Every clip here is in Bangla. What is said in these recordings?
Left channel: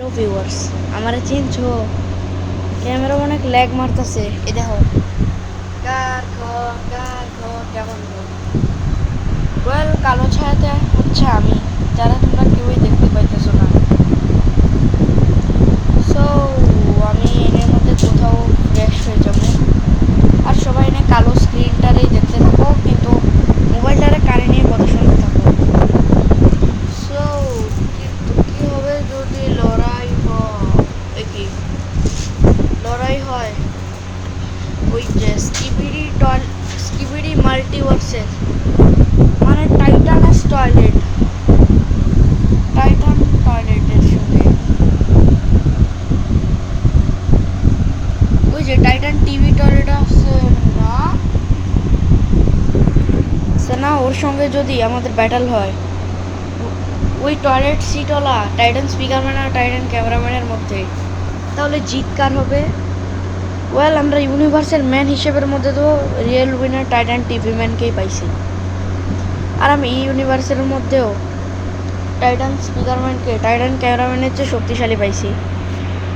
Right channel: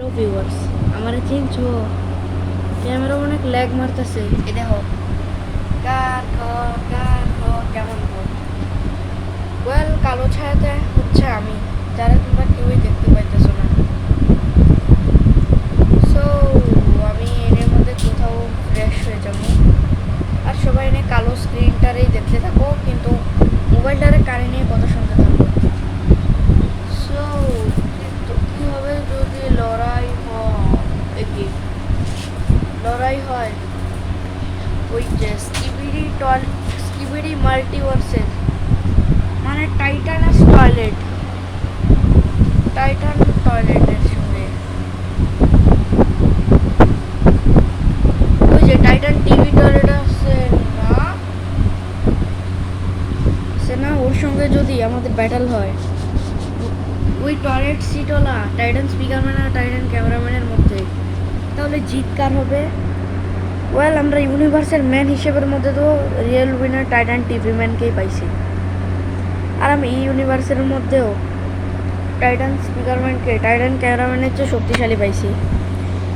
হ্যালো ভিউয়ার্স, আমারে চিনছো? ক্যামেরা অনেক ল্যাগ মারতেছে। এই দেখো, কেমন গো? ওয়েল, কালো ছায়াতে হচ্ছে আমি, যারা তোমরা কেউই দেখতে পাইতেছো না। সো আমি এর মধ্যে কোথাও ফ্রেশ হয়ে যাবো, আর সবাই এনে কালো স্ক্রিনটারেই দেখতে থাকো, কিন্তু মোবাইলটারে কানে নিয়ে কথা শুনতে থাকো। সো কি হবে যদি লড়াই হয় ওই যে স্কিবিডি মাল্টিভার্সের, মানে টাইটান টয়লেটের সঙ্গে ওই যে টাইটান টিভি টয়লেট আছে না, ওর সঙ্গে যদি আমাদের ব্যাটল হয়, ওই টয়লেট সিটওয়ালা টাইটান স্পিকারম্যান আর টাইটান ক্যামেরাম্যানের মধ্যে, তাহলে জিত কার হবে? ওয়েল, আমরা ইউনিভার্সের ম্যান হিসেবের মধ্যে তো রিয়েল উইনার টাইটান টিভি ম্যানকেই পাইছি, আর আমি এই ইউনিভার্সের মধ্যেও টাইটান স্পিকারম্যানকে টাইটান ক্যামেরাম্যানের চেয়ে শক্তিশালী পাইছি।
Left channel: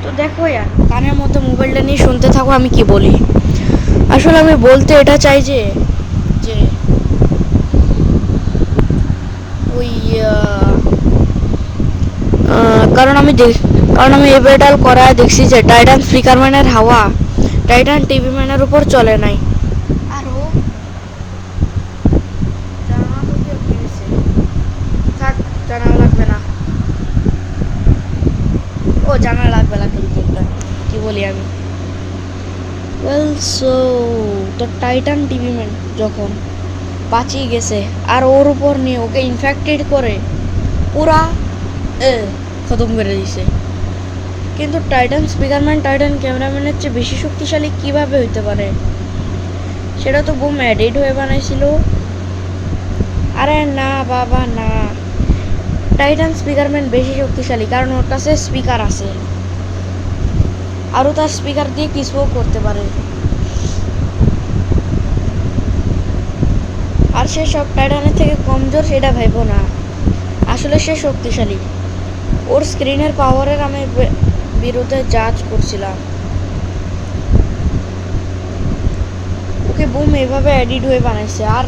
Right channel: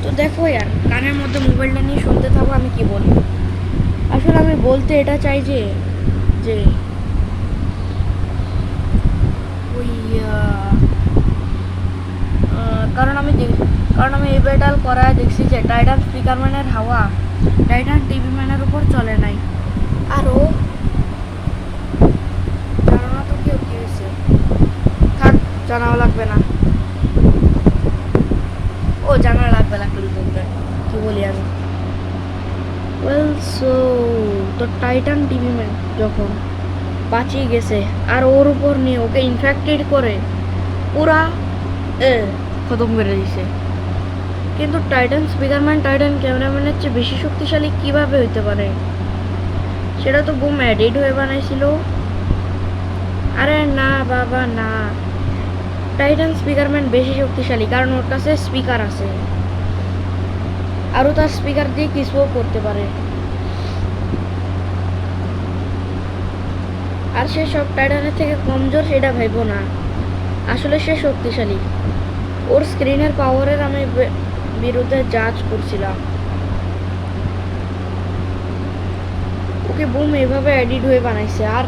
তো দেখো ইয়ার, কানের মধ্যে মোবাইলটা নিয়ে শুনতে থাকো আমি কি বলি। আসলে আমি বলতে এটা চাই যে যে ওই কারণ আমি এবারটাল করায় দেখছি যে টাইটান স্পিকারম্যানের হাওয়া টাইটান টিভি ম্যানের উপর চলে নাই। আরও জানা তো কেউ কিনেছে, থাক, জানাও লাগবে না। ও জানা লাগবে কি বলি আমি। ওয়েল, সো তো টাইটান টিভি ম্যান যখন বাঁচিয়ে গেছে, আর ওর উপর নিয়ে ওকে ইনফেক্টেড করে পুরা খতম করে দিছে, কিন্তু টাইটান স্পিকারম্যান টাইটান ক্যামেরাম্যানের চেয়ে বেশি শক্তিশালী কিভাবে হইতে পারে? সেটা তো বুম এডিট হয়ে বানাইছিল। আরে না বাবা না, টাইটান স্পিকারম্যান বেশি শক্তিশালী, কারণ ওর কাছে স্পিকার আছে, আরও তার স্পিকার দিয়ে কিছুও করতে পারে। আর সে সব টাইটানের থেকে কমজোর সেটা ভাইবো না, আসলে সে শক্তিশালী। ওর স্ক্রিনের পাওয়ারের আমি বিরুদ্ধে জাজ করছিলাম, ওকে বুম এভাবে এডিট হয়ে বানাইছে, আর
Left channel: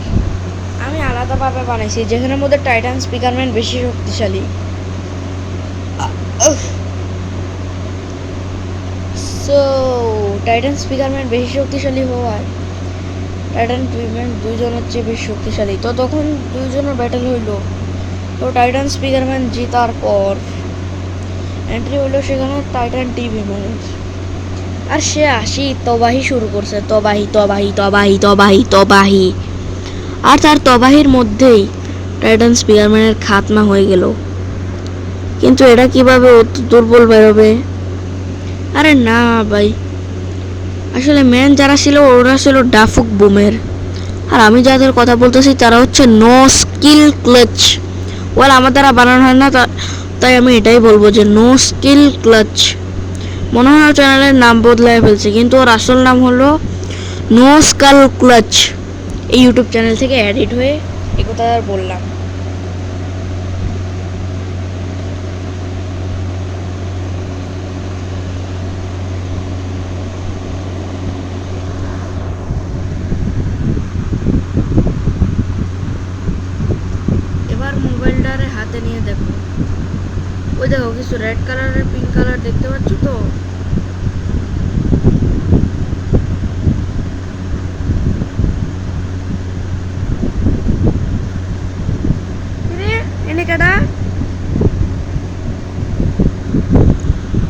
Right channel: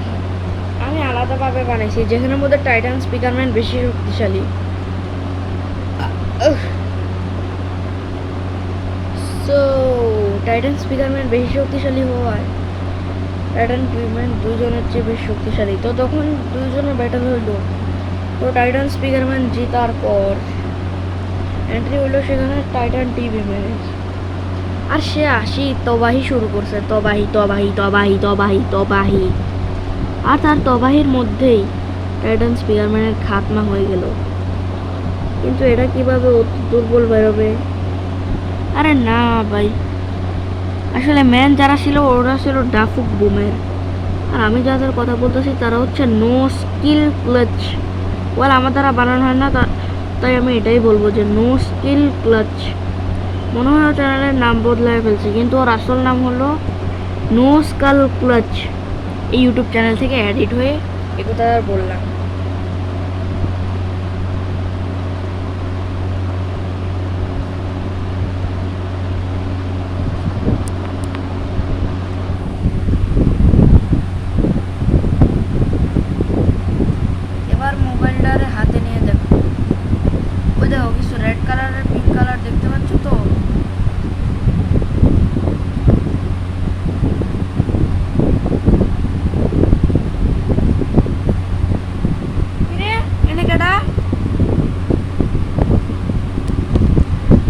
আমি আলাদাভাবে বানাইছি যেখানের মধ্যে টাইটান স্পিকারম্যান বেশি শক্তিশালী। সো টাইটান স্পিকারম্যান বেশি শক্তিশালী হওয়ায় টাইটান টিভিম্যান দুইজনের চেয়ে বেশি শক্তিশালী, তো তখন দুইজনের ব্যাটেল হইলো। তো টাইটান স্পিকারম্যান জেতার পর এন্ট্রি হইলো সেখানে টাইটান টিভি ম্যান, আর সে তবাহি শুরু করছে, তবাহি, আর তার তবাহির মধ্যেই টাইটান স্পিকারম্যানের খাতমা হয়ে গেল। কিন্তু এটা কিভাবে অত দুর্বল বেরোবে? আরে না ভাই, আসলে ম্যান যারা ছিল ওরা ছিল ডাফুক বুমের, আর আমি যাদের কথা বলতেছি তারা হচ্ছে নো স্কিল ক্লাচ। ওয়াল, আমার দ্বারা বানানো হয় না, তাই আমি এটাই বলবো যে নো স্কিল ক্লাচ। মনে হয় চ্যানেলের নাম বদলায় ফেলছে, কিন্তু ওর আসল নাম হলো নো স্কাল ক্লাচ। এই ইউটিউব চ্যানেল থেকে এডিট হয়ে এই কথা আর বললাম। এবার মোবাইলটারে হাতে নিয়ে দেখো, ওই দেখো কিছু রেড কালারের পিঙ্ক কালার দেখতে পাচ্ছ তো? এনে কেডা?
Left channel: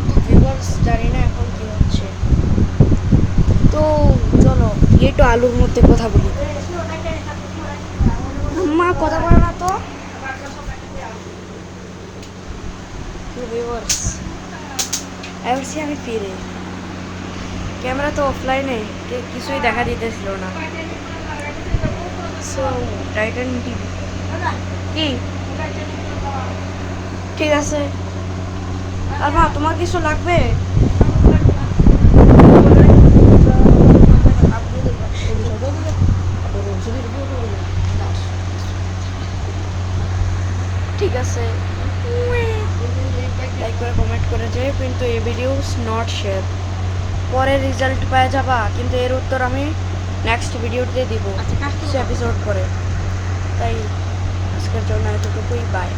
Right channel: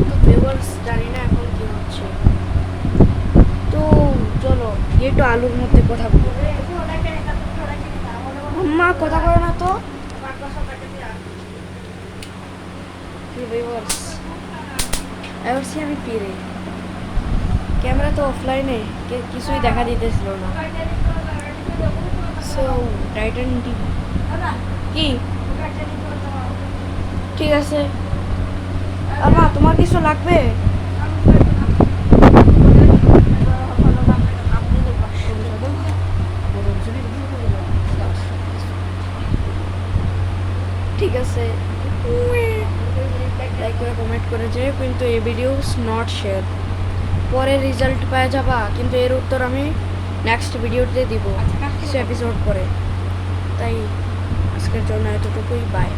তো ভিউয়ার্স, জানি না এখন কি হচ্ছে, তো চলো একটু আলুর মধ্যে কথা বলি। আম্মা কথা বলো না তো। ভিউয়ার্স, এবার আমি ফিরে, ক্যামেরা তো অফলাইনে, কিছুই দেখা দিতেছিল না। সো টাইটান টিভি কি ঠিক আছে। আর মা, তোমার কিছু লাগবে? ঠিক আছে, লাইক করে কমেন্ট করেছে, কিন্তু এই ভিডিও নট শেয়ার। পরে রেজাল্ট পাওয়া যাবা, কিন্তু এর উত্তর আমি নেক্সট ভিডিওতে দিব, কিছু এপিসোড পরে। তাই আজকের জন্য এতটুকুই, বাই।